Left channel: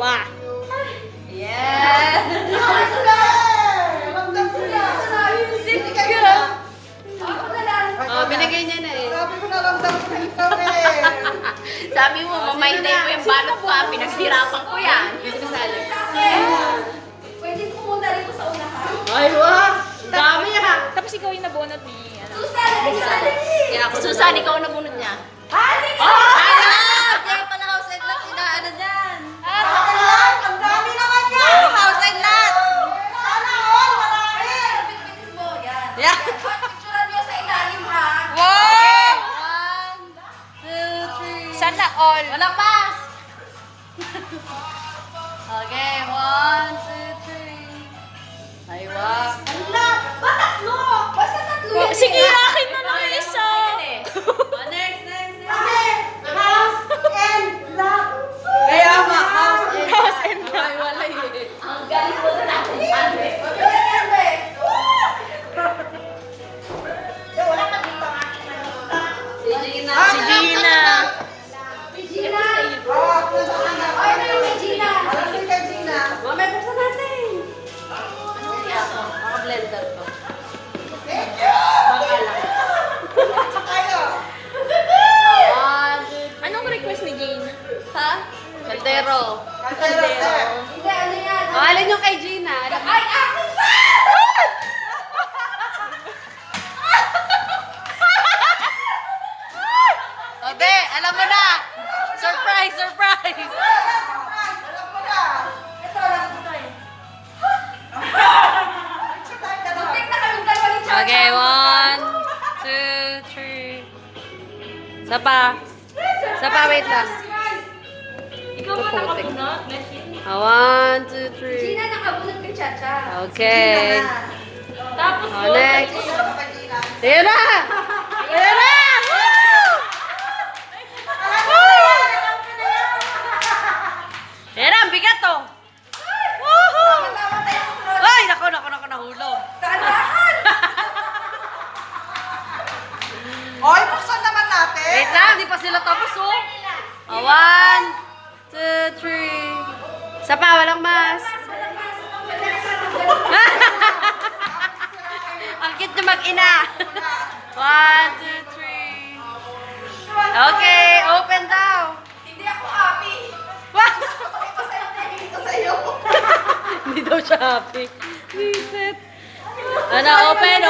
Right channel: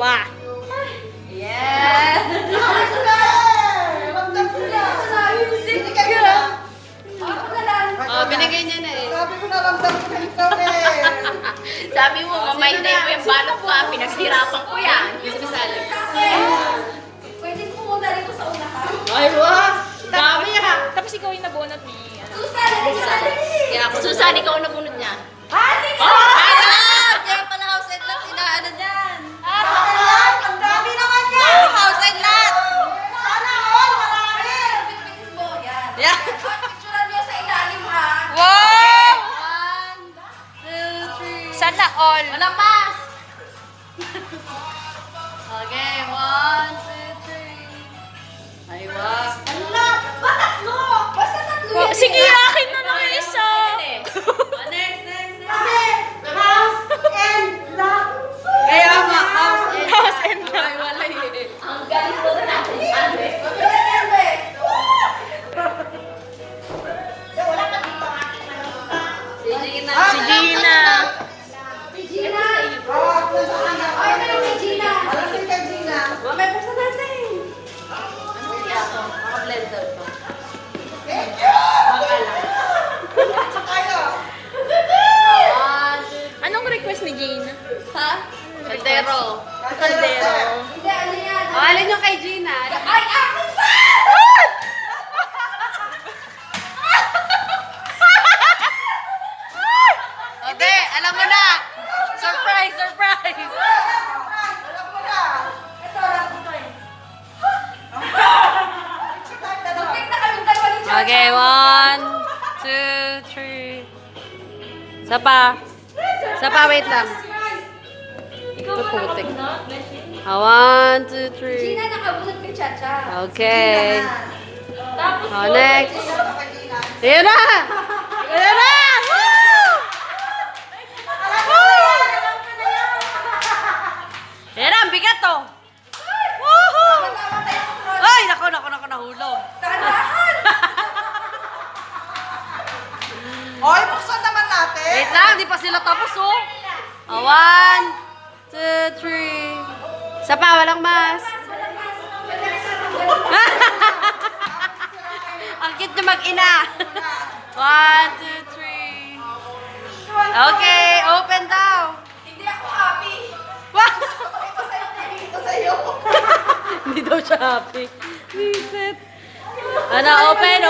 Wah! Yes! Oh, binigay niya na eh. Sabi ko naramdam ko na ikaw eh. Sabi mo, may hindi ko yung balot ko, pinaghirapan ko yan. Gusto sa Alex. Pwede pumunta rin ko sa unahan. Ay, wah! Dami ha! Tapos ikaw yung nabunot ni... Susan, Kaya ako, Susan, ikaw na bunod niya. Hindi ka! Kaya pala house and lot, inaano dyan. Ang dami naman yan! House and lot! Sana all! Marami! Pagpitin mo, yan. Yeah. Picturean mo sa ilalim, ha? Wow! 1, 2, 3. Sana all. Walang pass! Okay, 1, 2, 3. Ay, wow. Ano? Ba tatlo? Basta tatlo Wow, yan sige, eh. akin na lang yung isa. Next. Kasi, house and lot. Kaya ma, house and House and lot. Ay, wala eh. Ang galing mo na natin. Ano eh? Wala ka dito ang aking manuta. Si Gina. Si Gina. Si Gina. Oo, kung saan na. Ay, may ni Gina. Kasi kay Gina. May person natin. Ano kaya ako? Blender ko. Thank you! Sa kayo. 1, 2, Anong request ni Gina? Ha? Caldero. Caldero. Hindi, ano yan? Oh, alin yung kay Gina? Ay, akin ba? Hindi, alam mo na. Surprise! Alam mo na. Ito, alam ko to eh. Sa tayo dalawa. Tek na kayong dalawa ni Chacha. Okay, 1, 2, 3. Sapa, wait lang. Puputik. 1, 2, 3. Gina, nakabunot ni Chacha. Okay. Tapos, Oh, next. Kay Gina. Ayan na! Ayan na! Ayan na, ang bigat to. namatay ako po. Ay, nako, nahulog. Tandaan! Oy, buksan naman natin. Wait lang, di pa sila tapos oh. 1, 2, 3. Sapa, walang mas. Ang cute na mag-ina. 1, 2, 3. Okay, open daw. Hindi ako happy. Wow! Ito sa'yo, ito sa'yo. Hindi daw siya happy. Reset. Ano, open.